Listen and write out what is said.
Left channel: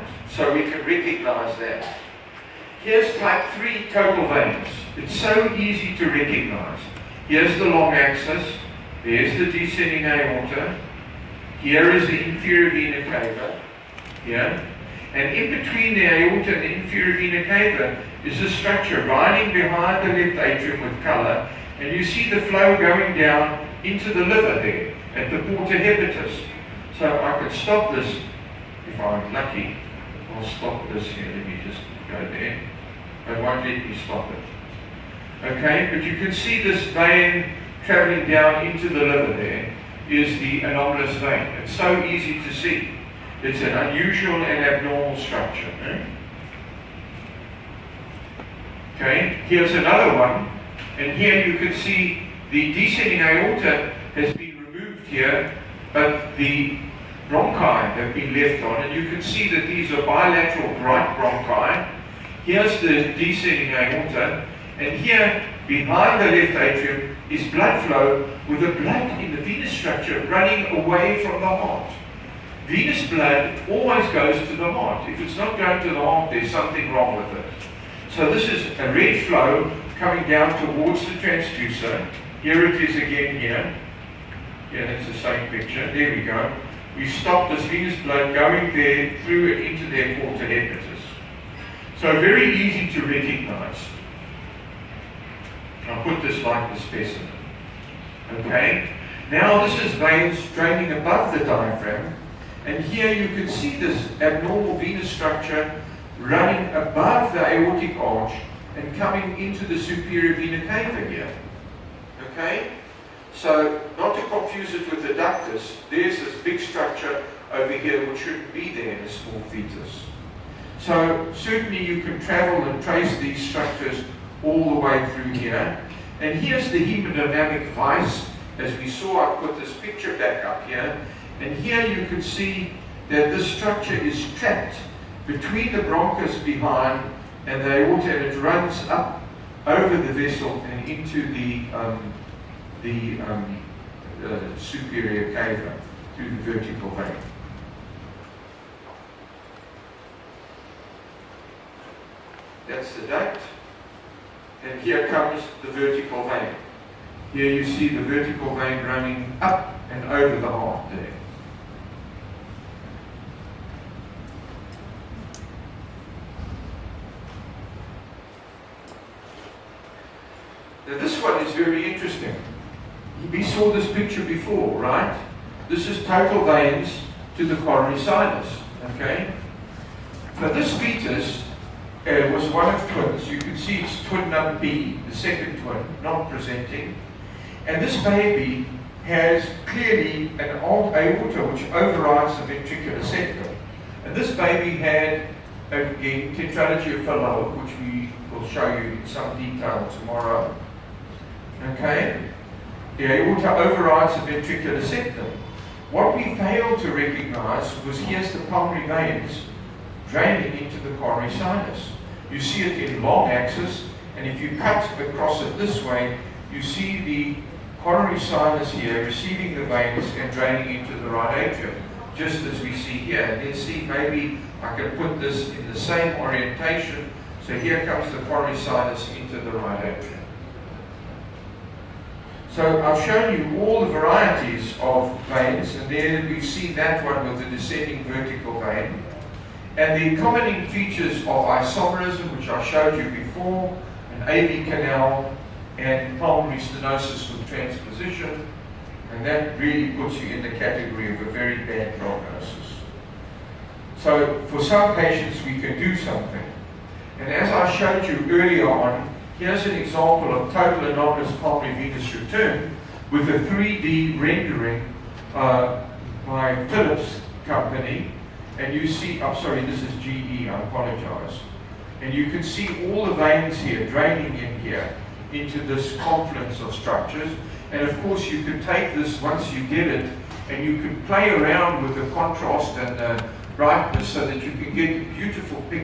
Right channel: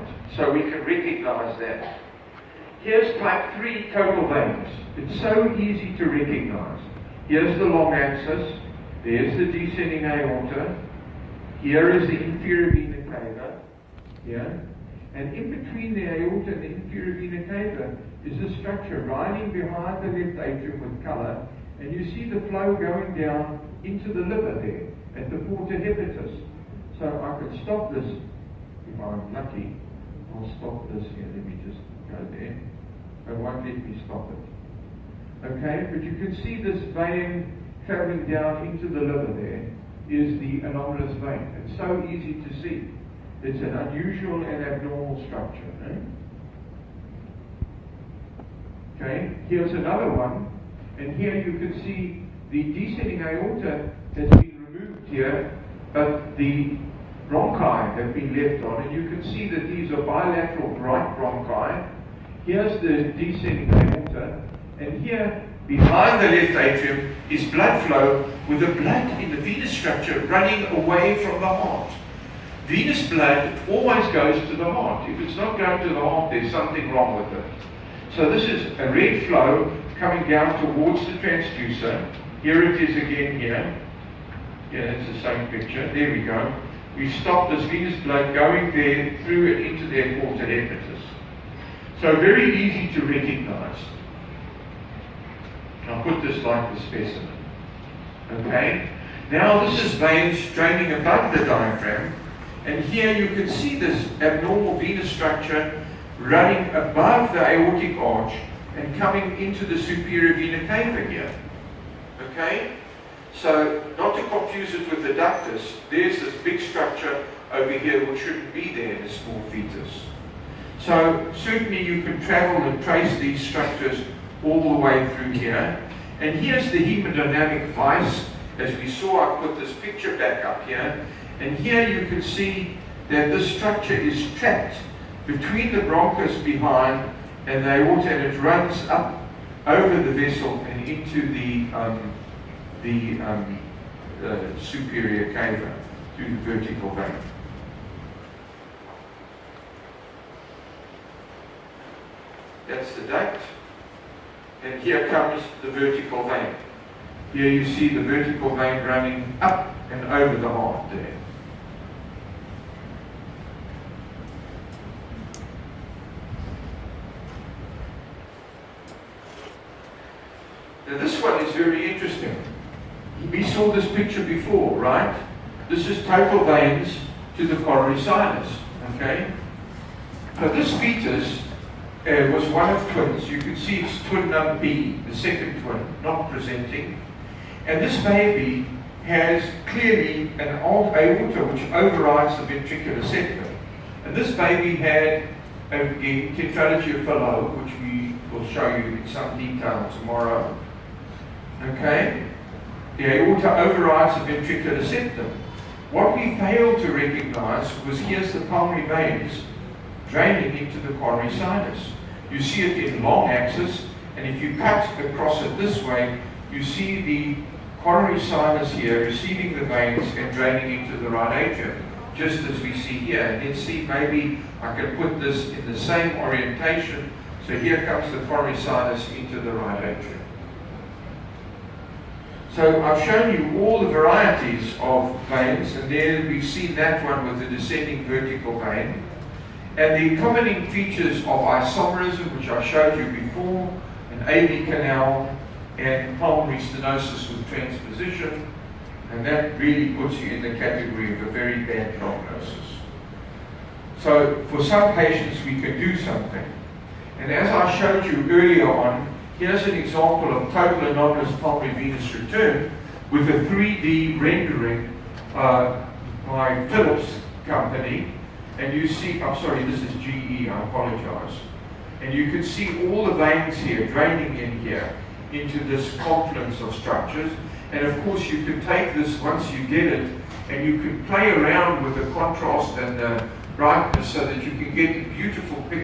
So we can recognize that. Here's type 3 total veins. It's so easy to recognize. Here's the long axis. There's the descending aorta. Here is the inferior vena cava. Here. And in between the aorta and the inferior vena cava is a structure running behind the left atrium with color. And you see the flow going down into the liver there at the porta hepatis. So I could stop this if I'm lucky. I'll stop this here. Let me just go there. It won't let me stop it. Okay, but you can see this vein traveling down into the liver there is the anomalous vein. It's so easy to see. It's an unusual and abnormal structure. Okay, here's another one. And here you can see the descending aorta has been removed here, but the bronchi have been left on, and you can see that these are bilateral right bronchi. Here's the descending aorta, and here behind the left atrium is blood flow with the blood in the venous structure running away from the heart. Venous blood always goes to the heart. If it's not going to the heart, there's something wrong with it. So this is a red flow coming down towards the transducer. Here it is again here. Yeah, that's the same picture. There we go. We've stopped this venous blood going there through into their porta hepatis. So very easy to recognize. I'll put this like the specimen. Okay? Now this is veins draining above the diaphragm. And here you can see this abnormal venous structure running above the aortic arch and coming into the superior vena cava here. Okay? So, not to confuse it with the ductus, there's this big structure over here which shouldn't be there in a small fetus. So, certainly you can travel and trace these structures all the way through here. And here's the hemodynamic vice. As we saw, I put this picture back up here. And here you can see that this structure is trapped between the bronchus behind and the aorta, and it runs up over the vessel and into the superior cava through the vertical vein. That's the duct, and here comes the vertical vein. Here you see the vertical vein running up and over the heart there. Now this one is very interesting. We saw this picture before, right? This is total veins to the coronary sinus, okay? So this fetus was one of twins. You can see it's twin number B, the second twin, not presenting. And this baby has clearly an old aorta which overrides the ventricular septum. And this baby had, again, tetralogy of Fallot, which we will show you in some detail tomorrow. Okay? The aorta overrides the ventricular septum. What we failed to recognize was here's the pulmonary veins draining into the coronary sinus. You see it in long axis, and if you cut across it this way, you see the coronary sinus here receiving the veins and draining into the right atrium, just as we see here. And then see, maybe I can put this in the same orientation. So here comes the coronary sinus into the right atrium. So I've shown you all the varieties of veins, and there we've seen that one with the descending vertical vein. And the accompanying features of isomerism, which I showed you before, an AV canal, and pulmonary stenosis with transposition, and that really puts you in the category of a very bad prognosis. So for some patients we can do something. And as I showed you earlier on, here's an example of total anomalous pulmonary venous return with a 3D rendering by Philips company. And you see, I'm sorry, this is GE, I apologize. And you can see all the veins here draining in here into this confluence of structures. And of course you can take this once you get it and you can play around with the contrast and the brightness so that you can get a beautiful picture.